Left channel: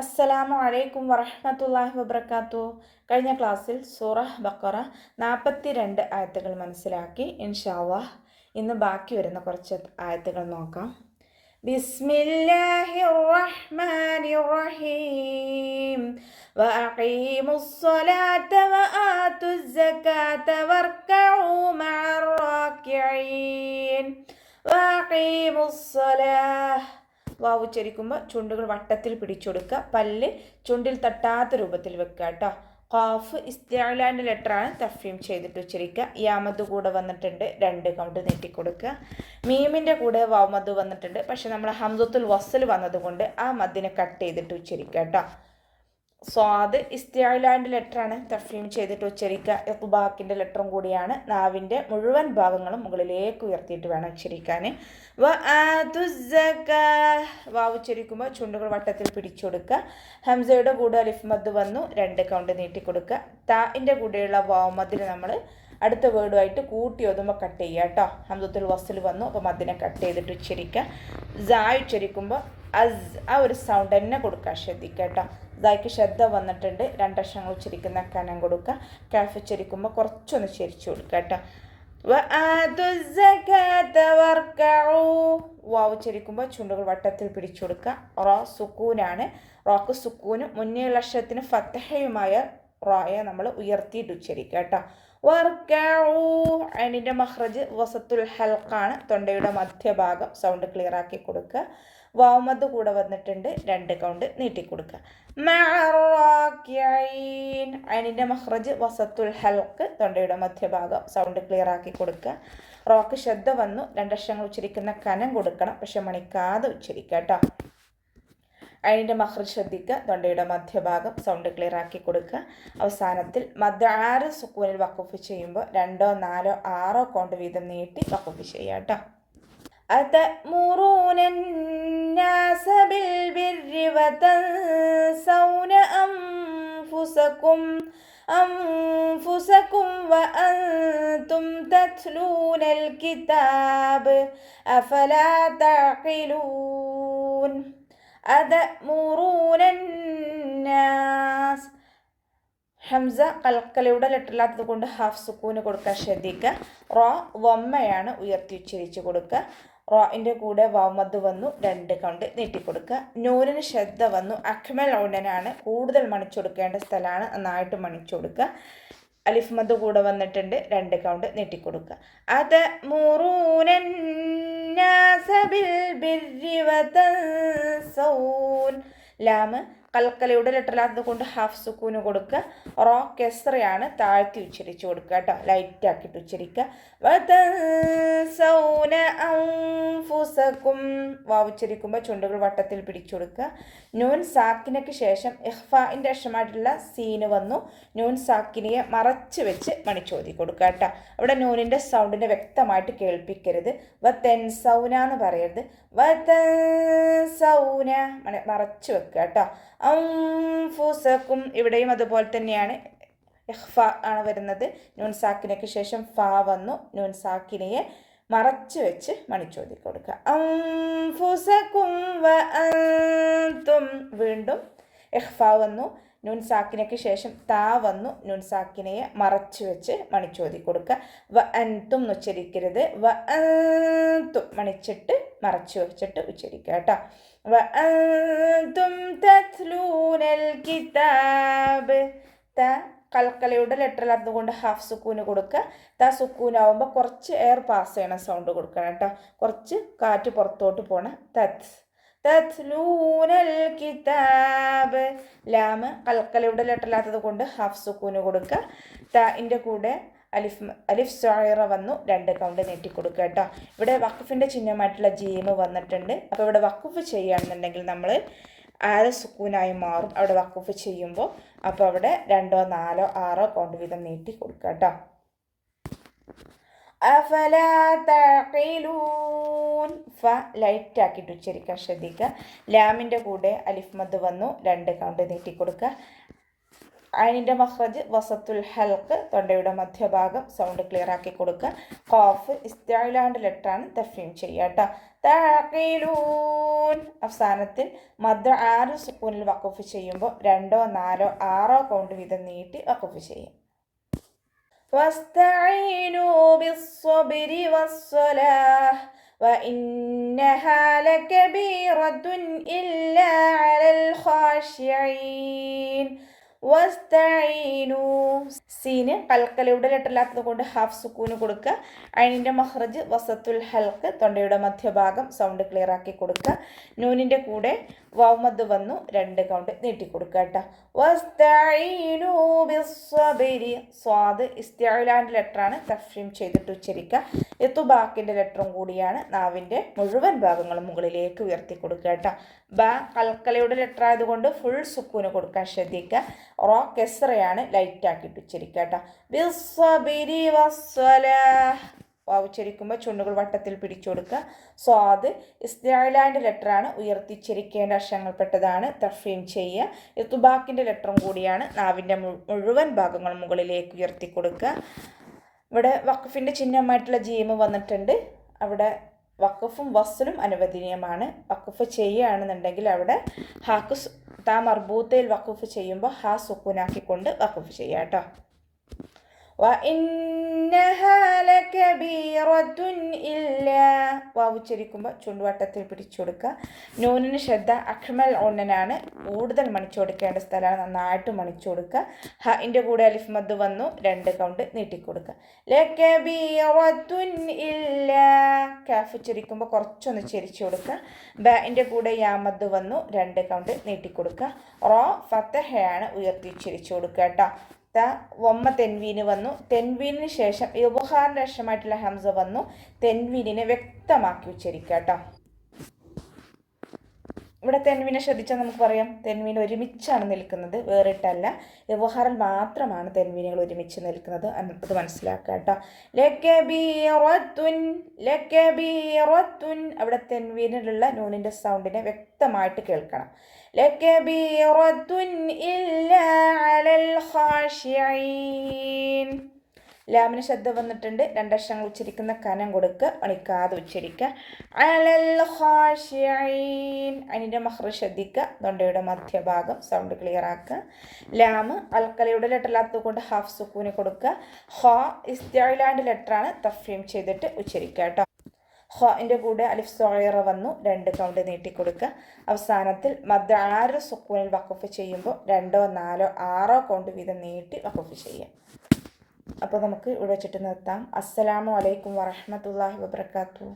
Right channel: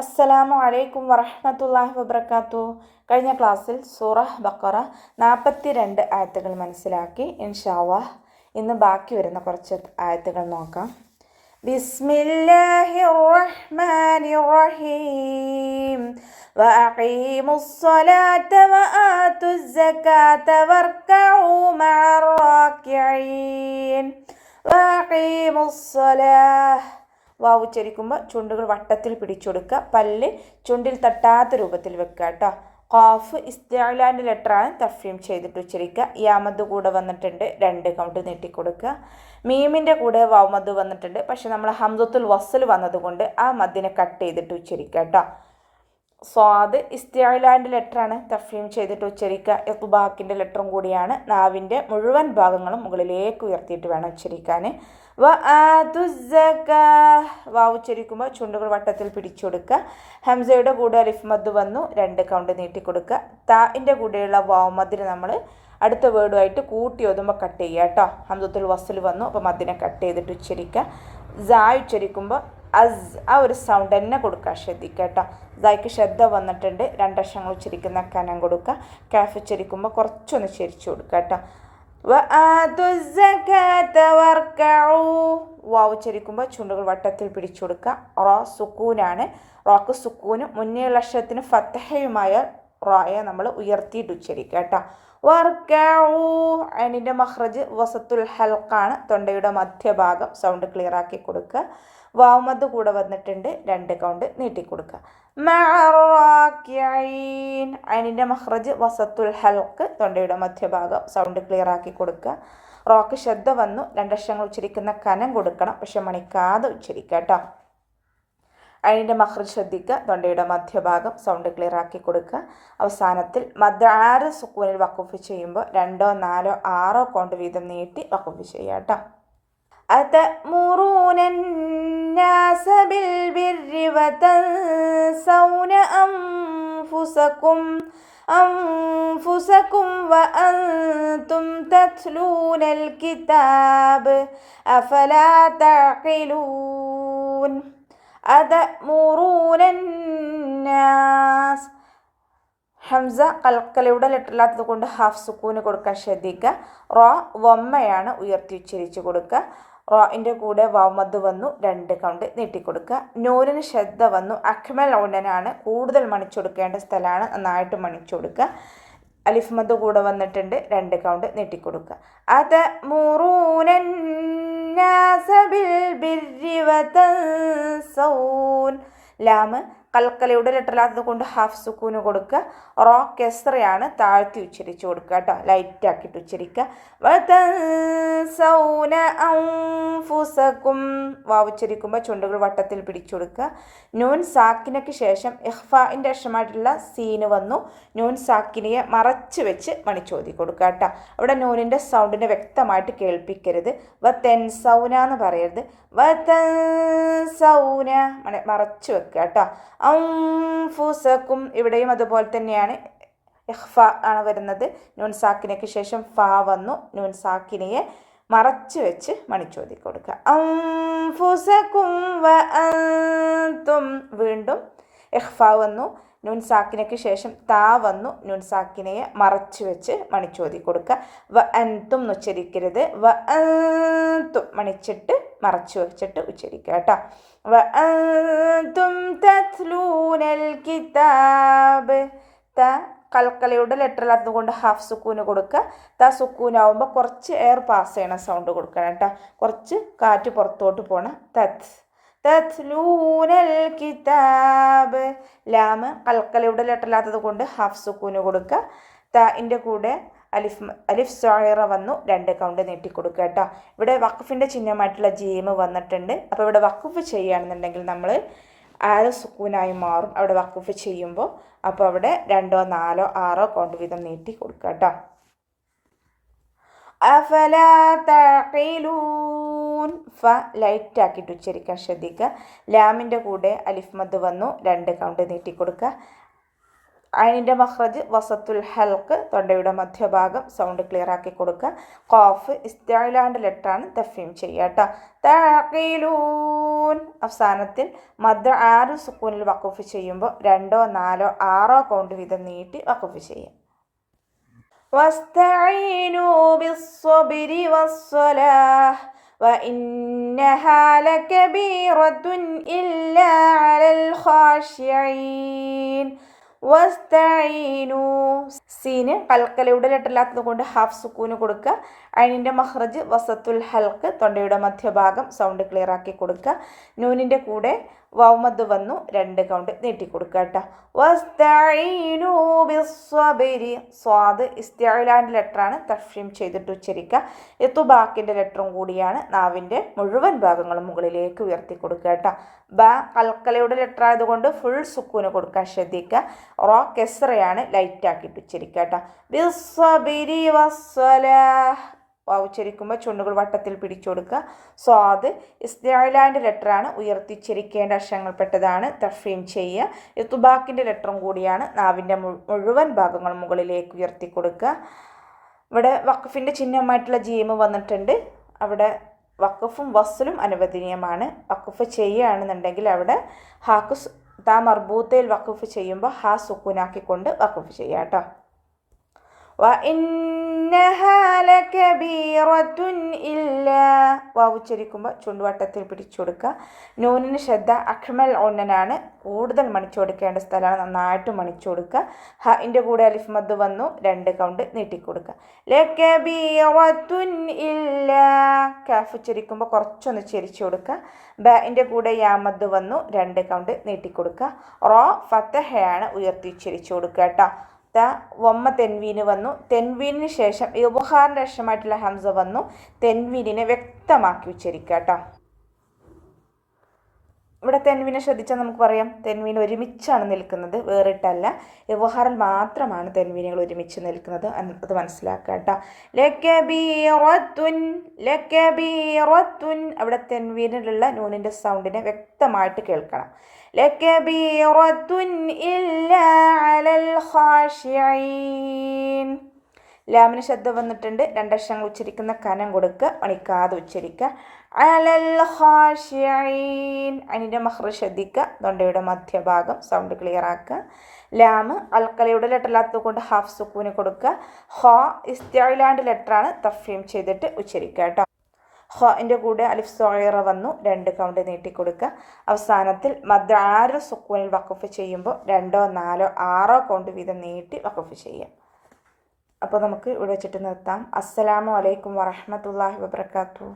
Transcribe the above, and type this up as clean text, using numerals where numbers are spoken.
അസ്സലാമു അലൈക്കും വറഹ്മത്തുള്ളാഹി വബറകാതുഹു. കഴിഞ്ഞ ക്ലാസ്സിൽ സൂറ ബഖറ 42 ആയത്തുകൾ മനസ്സിലാക്കി. ഇൻഷാ അല്ലാഹ് ഇന്ന് ബാക്കി വരുന്ന കുറച്ച് ആയത്തുകൾ നോക്കാം. ബിസ്മില്ലാഹിർ റഹ്മാനിർ റഹീം. വഅഖീമുസ് സ്വലാത്ത വആതുസ് സകാത്ത വർക്കഊ മഅർ റാക്കിഈൻ. വഅഖീമുസ് സ്വലാഹ് വാവ് ഉച്ചരിക്കുമ്പോൾ ചുണ്ടുകൾ വട്ടത്തിൽ പിടിച്ചെടുക്കുക. പല്ല് ചുണ്ടിൽ തട്ടാത്ത രൂപത്തിൽ വെക്കുക കേട്ടോ. ഖാഫ് ഇസ്തിഅലാൻ്റെ ലെറ്ററാണ്, തഫ്രീം ചെയ്തിട്ട് ഉച്ചരിക്കുക. യാമദ് കൂടെ വന്നിട്ടുണ്ട്, 2 കൗണ്ട് നീട്ടിക്കൊടുക്കുക. മീമിൻ്റെ കൂടെ വാവ് മദ് വന്നിട്ടുണ്ട്, പക്ഷെ നമ്മൾ ഹംസത്തുൽ വസ്ൽ വന്നതുകൊണ്ട് ആ മദ്ദിനെ കട്ട് ചെയ്തിട്ട് ഉച്ചരിക്കുക കേട്ടോ. സ്വാദ് ഇസ്തിഅലാൻ്റെ ലെറ്ററാണ്, തഫ്രീം ചെയ്തിട്ട് ഉച്ചരിക്കുക. ഇഖ്ബാക്കിൻ്റെ ലെറ്ററും കൂടിയാണ്. നാവിൻ്റെ മുഴുവൻ ഭാഗങ്ങളും മുകളിലേക്ക് ഉയർത്തിയിട്ട് വേണം ഉച്ചരിക്കാൻ. വാവ് ഉച്ചരിക്കുമ്പോൾ ചുണ്ടുകൾ വട്ടത്തിൽ പിടിച്ചെടുക്കുക. ഹംസയുടെ കൂടെ അലിഫ് മദ് വന്നു, 2 കൗണ്ട് നീട്ടിക്കൊടുക്കുക. താഇൻ്റെ കൂടെയുള്ള വാവ് മദ്ദിന് നമ്മൾ അടുത്ത വേർഡുമായിട്ട് കൂട്ടി ഒതുമ്പോൾ കട്ട് ചെയ്യുക കേട്ടോ. ഹംസത്തുൽ വസ്ൽ വന്നു, അപ്പോൾ മദ്ദിനെ കട്ട് ചെയ്തിട്ട് ഉച്ചരിക്കുക. സായ് ഉച്ചരിക്കുമ്പോൾ അസ് ആ ഒരു സൗണ്ട് തന്നെ കൊടുക്കുക, ശ്രദ്ധിക്കുക കേട്ടോ. സായ്ക്ക് ശ്രദ്ധ വന്നിട്ടുണ്ട്, 2 അക്ഷരങ്ങൾ ഉച്ചരിക്കുന്ന കനം കൊടുക്കുക. കാഫ് ഉച്ചരിക്കുമ്പോൾ കുറച്ചൊന്ന് ചരിച്ചു കൊടുക്കുക കേട്ടോ. വാവ് ഉച്ചരിക്കുമ്പോൾ ചുണ്ടുകൾ വട്ടത്തിൽ പിടിച്ചു കൊടുക്കുക. റോ സുക്കൂനാണ്. റോക്ക് സുക്കൂനും മുന്നേയുള്ള അക്ഷരത്തിന് ഫത്തഹയുമായ റോയെ നമ്മൾ ഉയർത്തിയിട്ട് ഉച്ചരിക്കുക കേട്ടോ. അതിൻ്റെ മഖ്റജ് വസത്തുൽ ഹൽഖാണ്, തൊണ്ടയുടെ മധ്യഭാഗം. സൗണ്ട് ക്ലിയർ ആക്കി കൊടുക്കുക. വാവുമദ് കൂടെ വന്നിട്ടുണ്ട്, 2 കൗണ്ട് നീട്ടിക്കൊടുക്കുക. അതിൻ്റെ മഖ്റജ് വസത്തുൽ ഹൽഖ്, തൊണ്ടയുടെ മധ്യഭാഗം. സൗണ്ട് ക്ലിയർ ആക്കി കൊടുക്കുക. റോക്ക് ശ്രദ്ധ വന്നു, 2 അക്ഷരങ്ങൾ ഉച്ചരിക്കുന്ന കനം കൊടുക്കണം, പക്ഷെ മണിക്കാതെ ഉച്ചരിക്കുക കേട്ടോ. അതിൻ്റെ മഖ്റജ് ശ്രദ്ധിക്കുക, തൊണ്ടയുടെ മധ്യഭാഗം. സൗണ്ട് ക്ലിയർ ആക്കി കൊടുക്കുക. അവസാനത്തിൽ മദ് 6 സുക്കൂനിൽ വഖഫ് ചെയ്യുമ്പോൾ 2, 4, 6 കൗണ്ട് വീതം നീട്ടി വഖഫ് ചെയ്യുക കേട്ടോ. أتأمرون الناس بالبر وتنسون أنفسكم وأنتم تتلون الكتاب أفلا تعقلون. أتأمرون الناس ഹംസ കൽക്കലയുടെ ലെറ്ററില്ലാത്തത് കൊണ്ട് ഹാഫ് സുക്കൂന് കൊടുക്കാൻ ശ്രദ്ധിക്കുക. റോ വമ്മയാണ്, ഉയർത്തി ഉച്ചരിച്ച് കൊടുക്കുക. റോയിൻ്റെ കൂടെ വാമദ് വന്നു, 2 കൗണ്ട് നീട്ടിക്കൊടുക്കുക. നൂരിന് ശ്രദ്ധ വന്നു, അക്മൽ ഉടനാണ്, കൂടുതൽ മണിച്ചെടുക്കേണ്ട സ്ഥലമാണ്, നന്നായിട്ട് മണിച്ചെടുക്കുക. അലിഫ് മദ് കൂടെ വന്നിട്ടുണ്ട്, 2 കൗണ്ട് നീട്ടിക്കൊടുക്കുക. അതഅ്മുറൂനന്നാസ ബിൽ ബിർരി വതൻസൗൻ. ലാമ് കൽക്കലയുടെ ലെറ്ററില്ലാത്തത് കൊണ്ട് ഹാഫ് സുക്കൂന് കൊടുക്കുക. റോ കെസ്റയാണ്, താഴ്ത്തി ഉച്ചരിച്ച് കൊടുക്കുക കേട്ടോ, ലൈറ്റ് ആക്കിയിട്ട് ഉച്ചരിക്കുക. വതൻസൗന അൻഫുസകും. വാവ് ഉച്ചരിക്കുമ്പോൾ ചുണ്ടുകൾ വട്ടത്തിൽ പിടിച്ചു കൊടുക്കുക. നൂൻ സാക്കിനയ്ക്ക് ശേഷം ഇഖ്ഫാഇൻ്റെ അക്ഷരമായിട്ടുള്ള സീന് വന്നു. നൂൻ സാക്കിനിയെ മറച്ച് വെച്ച് മണിച്ചോതി കൊടുക്കുക കേട്ടോ. അവിടെ നൂനിൻ്റെ സൗണ്ടിനെ വ്യക്തമായിട്ട് കേൾപ്പിക്കരുത്. വതൻസൗന എന്ന് പറയരുത്. വതൻസൗന മറച്ച് വെക്കുക കേട്ടോ. അൻഫുസകും ഇവിടെയും അതുപോലെ തന്നെയാണ്, ഇഖ്ഫ ആണ് വരുന്നത്. നൂൻ സാക്കിനയ്ക്ക് ശേഷം ഫാ വന്നു, നൂൻ സാക്കിനിയെ മറച്ച് വെച്ച് മണിച്ചോതി കൊടുക്കുക. അൻഫുസകും വഅൻതും. വീണ്ടും ഇഖ്ഫ വന്നു, നൂൻ സാക്കിനയ്ക്ക് ശേഷം താ വന്നു, നൂൻ സാക്കിനയെ മറച്ച് വെച്ച് മണിച്ചോതി കൊടുക്കുക. വഅൻതും ഉച്ചരിക്കരുത്, വഅൻതും മണിച്ചിട്ട് മറച്ച് വെച്ചിട്ട് ഉച്ചരിക്കുക കേട്ടോ. വഅൻതും തത്ലൂനൽ കിതാബ്. ത കൽക്കലയുടെ ലെറ്ററില്ലാത്തത് കൊണ്ട് ഹാഫ് സുക്കൂന് കൊടുക്കുക. ത സുക്കൂനാവുമ്പോൾ കുറച്ച് എയർ പാസ് ചെയ്യണ സൗണ്ട് കൊടുക്കണം കേട്ടോ, കുറച്ച് കാറ്റ് പുറത്തോട്ട് പോകണം. തത്ലൂനൽ കിതാബ്. ലാമ് കൽക്കലയുടെ ലെറ്ററില്ലാത്തത് കൊണ്ട് ഹാഫ് സുക്കൂന് കൊടുക്കുക. താഇൻ്റെ കൂടെ അലിഫ് സോയറ വന്നു, 2 കൗണ്ട് നീട്ടിക്കൊടുക്കുക കേട്ടോ. ഇവിടെ വഖഫിൻ്റെ ചിഹ്നമായിട്ടുള്ള ജീമ് വന്നിട്ടുണ്ട്. അപ്പോൾ ഇവിടെ വഖഫ് ചെയ്യുകയാണെന്നുണ്ടെങ്കിൽ നമ്മൾ 6 സുക്കൂനായി മാറും അവിടെ വഖഫ് ചെയ്യുമ്പോൾ. അപ്പോൾ അവിടെ 2, 4, 6 കൗണ്ട് വീതം നീട്ടി കൊടുക്കുക കേട്ടോ. അഫലാ തഅഖിലൂൻ. ഫ ലൈറ്റ് ആക്കിയിട്ട് ഉച്ചരിക്കാൻ ശ്രദ്ധിക്കുക. ലാമിൻ്റെ കൂടെ അലിഫ് മദ് വന്നു, 2 കൗണ്ട് നീട്ടി കൊടുക്കുക. ഐനിൻ്റെ മഖ്റജ് വസത്തുൽ ഹൽക്ക്, തൊണ്ടയുടെ മധ്യഭാഗം, സൗണ്ട് ക്ലിയർ ആക്കി കൊടുക്കുക. ഖാഫ് ഇസ്തിഅലാൻ്റെ ലെറ്ററാണ്, തഫ്ഹീം ചെയ്യുക കേട്ടോ. തഅഖിലൂൻ അവസാനത്തിൽ മദ് 6 സുക്കൂനിൽ വഖഫ് ചെയ്യുമ്പോൾ 2, 4, 6 കൗണ്ട് വീതം നീട്ടി വഖഫ് ചെയ്യുക. വസ്തഈനൂ ബിസ്സബ്രി വസ്സലാഹ് وإنها لكبيرة إلا على الخاشعين വസ്തഈനു സീന് കൽക്കലയുടെ ലെറ്ററില്ലാത്തത് കൊണ്ട് ഹാഫ് സുക്കൂന് കൊടുക്കുക. ഐനിൻ്റെ മഖ്റജ് വസത്തുൽ ഹൽക്ക്, തൊണ്ടയുടെ മധ്യഭാഗം, സൗണ്ട് ക്ലിയർ ആക്കി കൊടുക്കുക. നൂനിൻ്റെ കൂടെ വൗമദ് വന്നു 2 കൗണ്ട് നീട്ടിക്കൊടുക്കുക കേട്ടോ. വസ്തഈനു ബിസ്സബ്രി സ്വാദ് ഇസ്തിഅലാൻ്റെ ലെറ്ററാണ്, തഫ്ഹീം ചെയ്തിട്ട് ഉച്ചരിക്കുക. ഇത്ബാക്കിൻ്റെ ലെറ്ററും കൂടിയാണ്, നാവിൻ്റെ മുഴുവൻ ഭാഗങ്ങളും മുകളിലേക്ക് ഉയർത്തി കൊടുക്കുക കേട്ടോ. ബ കൽക്കലയുടെ ലെറ്റർ ആയതുകൊണ്ട് ഫുൾ സുക്കൂന് കൊടുക്കാൻ ശ്രദ്ധിക്കുക. റോ കെസ്റയാണ്, ലൈറ്റ് ആക്കിയിട്ട് ഉച്ചരിക്കുക കേട്ടോ. ബിസ്സബ്രി വസ്സലാഹ് ഉച്ചരിക്കുമ്പോൾ ചുണ്ടുകൾ വട്ടത്തിൽ പിടിച്ചു കൊടുക്കുക. സ്വാദ് ഇസ്തിഅലാൻ്റെ ലെറ്ററാണ്, ഉയർത്തിച്ചരിക്കേണ്ട അക്ഷരങ്ങൾപ്പെട്ടതാണ്, തഫ്ഹീം ചെയ്യുക. ഇത്ബാക്കിൻ്റെ ലെറ്ററും കൂടിയാണ്, നാവിൻ്റെ മുഴുവൻ ഭാഗങ്ങളും മുകളിലേക്ക് ഉയർത്തി കൊടുക്കുക. ഇവിടെ വഖഫിൻ്റെ ചിഹ്നമായിട്ടുള്ള ജീമ് വന്നിട്ടുണ്ട്. അവിടെ വഖഫും വസ്ലും അനുവദനീയമാണ്. വഖഫ് ചെയ്യുകയാണെന്നുണ്ടെങ്കിൽ അവിടെ ഹാക്ക് താ മർബൂത്തയിൽ വഖഫ് ചെയ്യുമ്പോൾ ഹാ സുക്കൂനാക്കിക്കൊണ്ട് വഖഫ് ചെയ്യുക കേട്ടോ. وإنها لكبيرة إلا ഉച്ചരിക്കുമ്പോൾ ചുണ്ടുവട്ടത്തിൽ പിടിച്ചു കൊടുക്കുക. നൂനിന് ശ്രദ്ധ അഖ്മൽ ഉന്നനാണ്, കൂടുതൽ മണിച്ചു കൊടുക്കേണ്ട സ്ഥലമാണ്, നന്നായിട്ട് മണിച്ചു കൊടുക്കുക. ഹഇൻ്റെ കൂടെ അലിഫ് മദ് വന്നു 2 കൗണ്ട് നീട്ടിക്കൊടുക്കുക. ലകബീറത്തുൻ ഇല്ലാ കാഫ് ഉച്ചരിക്കുമ്പോൾ കുറച്ചൊന്ന് ചെരിച്ചു കൊടുക്കുക. ബഇൻ്റെ കൂടെ യാ മദ് വന്നു 2 കൗണ്ട് നീട്ടിക്കൊടുക്കുക. റോ ഫതഹയാണ്, ഉയർത്തി ഉച്ചരിച്ചു കൊടുക്കുക കേട്ടോ. വമ്മ തെൻവീന് വന്നു, തെൻവീനിന് ശേഷം ഇബ്ഹാറിൻ്റെ അക്ഷരമായിട്ടുള്ള ഹംസ വന്നു. തെൻവീനിനെ വ്യക്തമാക്കി ഉച്ചരിക്കുക കേട്ടോ. ഇവിടെ തെൻവീനെ ശ്രദ്ധിച്ചാൽ നമുക്ക് പറയാം, തെൻവീൻ ഒരുമിച്ചാണ് നിൽക്കുന്നത്, വേറിട്ടല്ല. ഇബ്ഹാറിൽ മാത്രമാണ് തെൻവീനുകൾ ഒരുമിച്ച് നിൽക്കുന്നത്, അത് മനസ്സിലാക്കുക കേട്ടോ. ലകബീറത്തുൻ ലകബീറത്തുൻ അവിടെ തെൻവീനിലുള്ള നൂനിൻ്റെ സൗണ്ടിനെ വ്യക്തമായിട്ട് കേൾക്കണം. ലകബീറത്തുൻ ഇല്ലാ അലൽ ഖാശിഈൻ ലാമിന് ശബ്ദ വന്നിട്ടുണ്ട്. 2 അക്ഷരങ്ങൾ ഉച്ചരിക്കുന്ന കനം കൊടുക്കുക, മണിക്കാതെ ഉച്ചരിക്കുക. അലൽ ഖാശിഈൻ അതിൻ്റെ മഖ്റജ് ശ്രദ്ധിക്കുക, തൊണ്ടയുടെ മധ്യഭാഗം, സൗണ്ട് ക്ലിയർ ആക്കുക. ലാമ് അൽക്കലയുടെ ലെറ്ററില്ലാത്തത് കൊണ്ട് ഹാഫ് സുക്കൂന് കൊടുക്കുക. ഖ ഇസ്തിഅലാൻ്റെ ലെറ്ററാണ്, തഫ്ഹീം ചെയ്തിട്ട് ഉച്ചരിക്കുക കേട്ടോ. ഖൻ്റെ കൂടെ അലിഫ് സ്വഗീറ വന്നു 2 കൗണ്ട് നീട്ടിക്കൊടുക്കുക. അവസാനത്തിൽ മദ് 6 സുക്കൂനിൽ വഖഫ് ചെയ്യുമ്പോൾ 2, 4, 6 കൗണ്ട് വീതം നീട്ടി വഖഫ് ചെയ്യാം. അപ്പോൾ നമുക്ക് ഇവിടെ വെച്ചിട്ട് നിർത്താം. അസ്സലാമു അലൈക്കും വറഹ്മത്തുള്ളാഹി വബറകാതുഹു.